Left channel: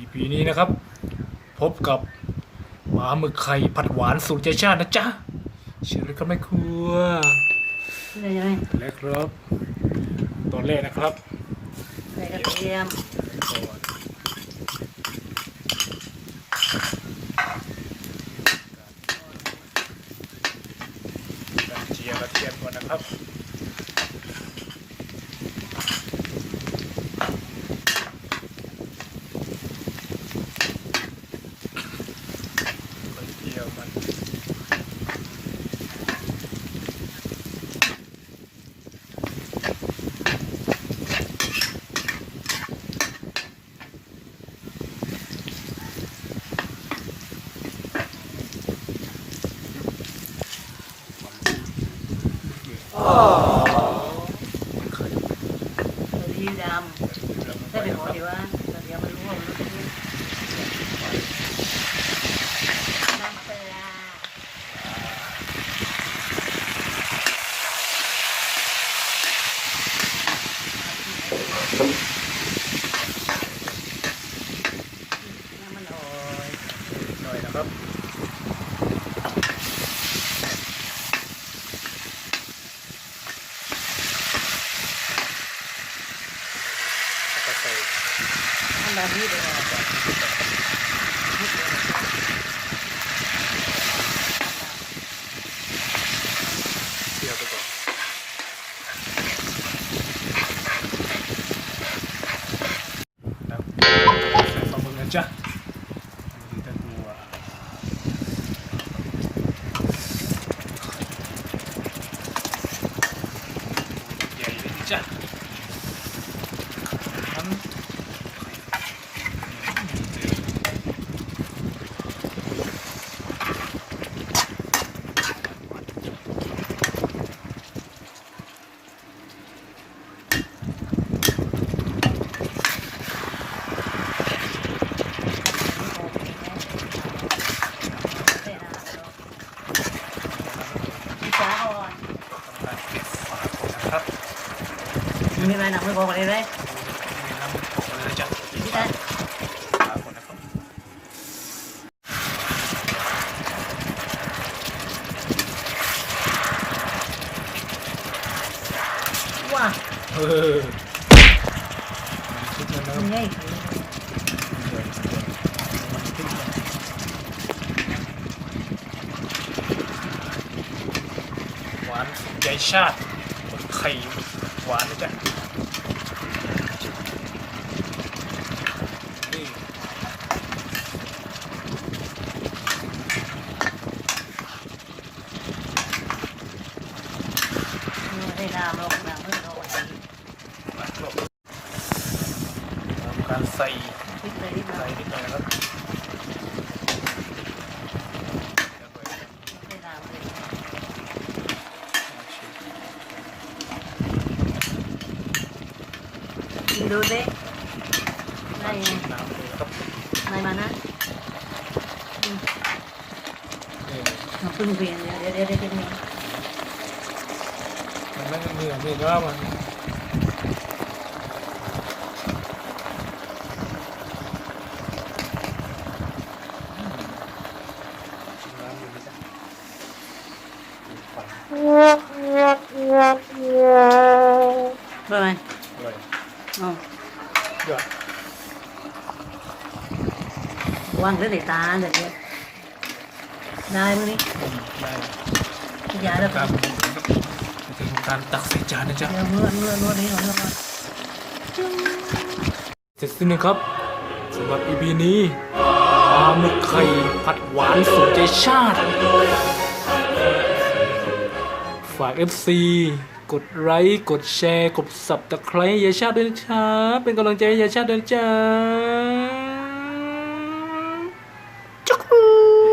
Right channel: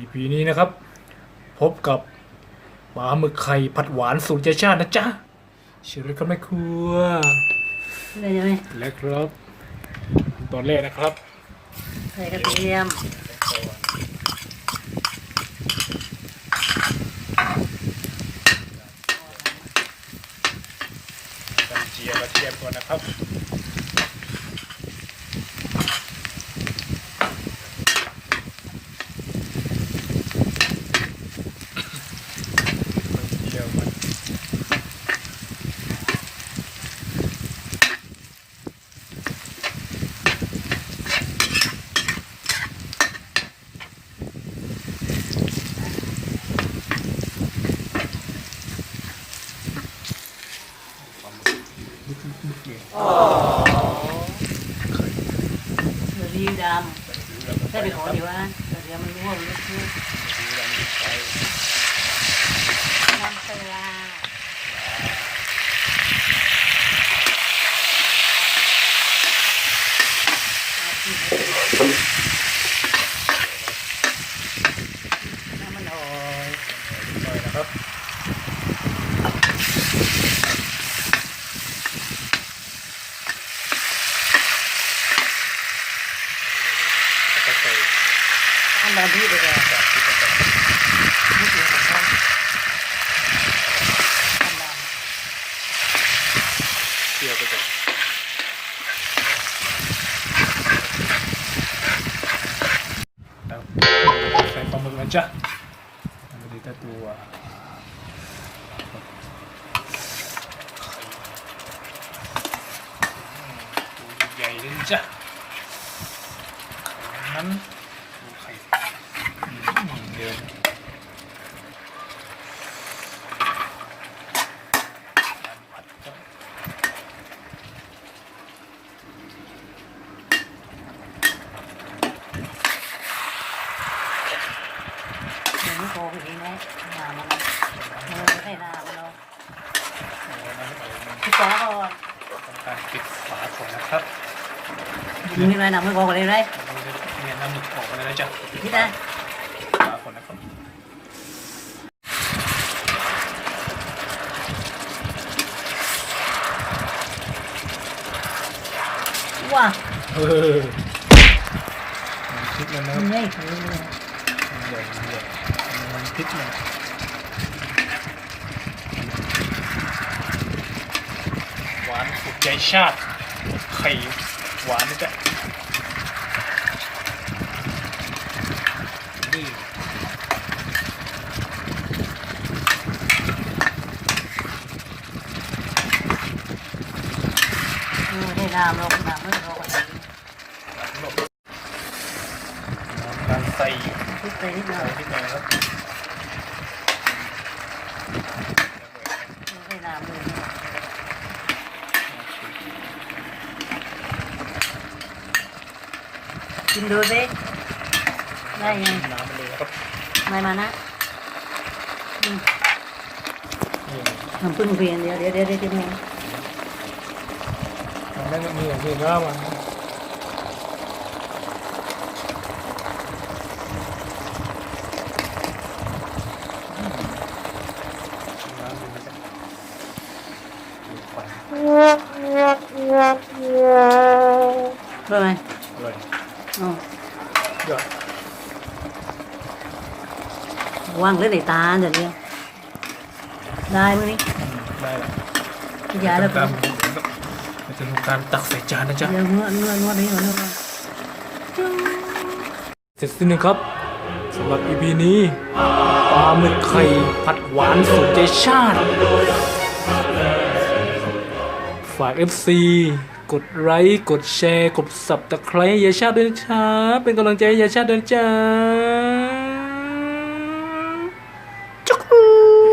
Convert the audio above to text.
EP นี้นะครับ พบกับปลาหมึกไข่ผัดหวานสูตรเจชาตินะจ๊ะเชิญเลยครับแม่ครัวเลยใช่ไหมและครับ ตอนแรกนะครับใส่กระเทียมกันเจียกระเทียมก่อนนะครับ เจียวมันไข่เกลือดีดำใส่ไปหอเดียวนะเกลือมันร่วงลุกลุกน้ำปลา น้ำมันหอย ห น่อยนะครับแล้วก็ใส่น้ำมันดีเลยอะเคี่ยวไปก่อนแล้วใส่ปลาหมึกนะจ๊ะมาดีแต่ตัว ใหญ่เลยจ้ะนั้นไข่อืมเดี๋ยว น้ำโคกนี่นะใส่น้ำเนาะพี่ฟ้าเขาอะ ทำการปิดฝาก่อนนะครับ มีอะไรหนังไม่บอกเลยเลยเนี่ยน้ำหมึกออกมาเลยนะจ๊ะปิดพี่ฝานะฝาก่อนนะครับว้าเออมันคิดแล้วนะคมัรับนใหญ่ขึ้นมันใหญ่มันใหญ่มันคิดแล้วหวานสุดใจชาติ ไข่หวานนะจ๊ะนี่ให้น้ำลงน้ำไม่พอตักลงทำการใส่พริกเลยนิดหน่ใส่อยนิดหน่อยนะครับ ให้น้ำเลย กินดูสิได้ยังชิม น้ำไปเลยนะครับไม่มานะเออมันพึ่งเรียนเดี๋ยวเดี๋ยวเดี๋ยวเดี๋ยวจะมีมันไม่มีอะมีก็มันชิมน้ำดูนะจ๊ะดูไฟได้ไหมอร่อยอ๋อยอดวางขึ้นในตาเดี๋ยวเดี๋ยวได้มั้ยอืมได้ละพี่เดี๋ยยาวเลยทำการเราจะทำการตักใส่จานนะจ๊ะเดี๋ยวนวดนวดนวดนี่นวดนี่เสร็จสิ้นนะครับสำหรับ EP นี้ปลาหมึกไข่ผัดหวานสูตรใจชาติ ฝาก FC กดไลค์กดแชร์ กดสับตะไคร้ยายชาติด้วยนะจ๊ะเป็นกำลังใจให้ยายชาติด้วยนะจ๊ะ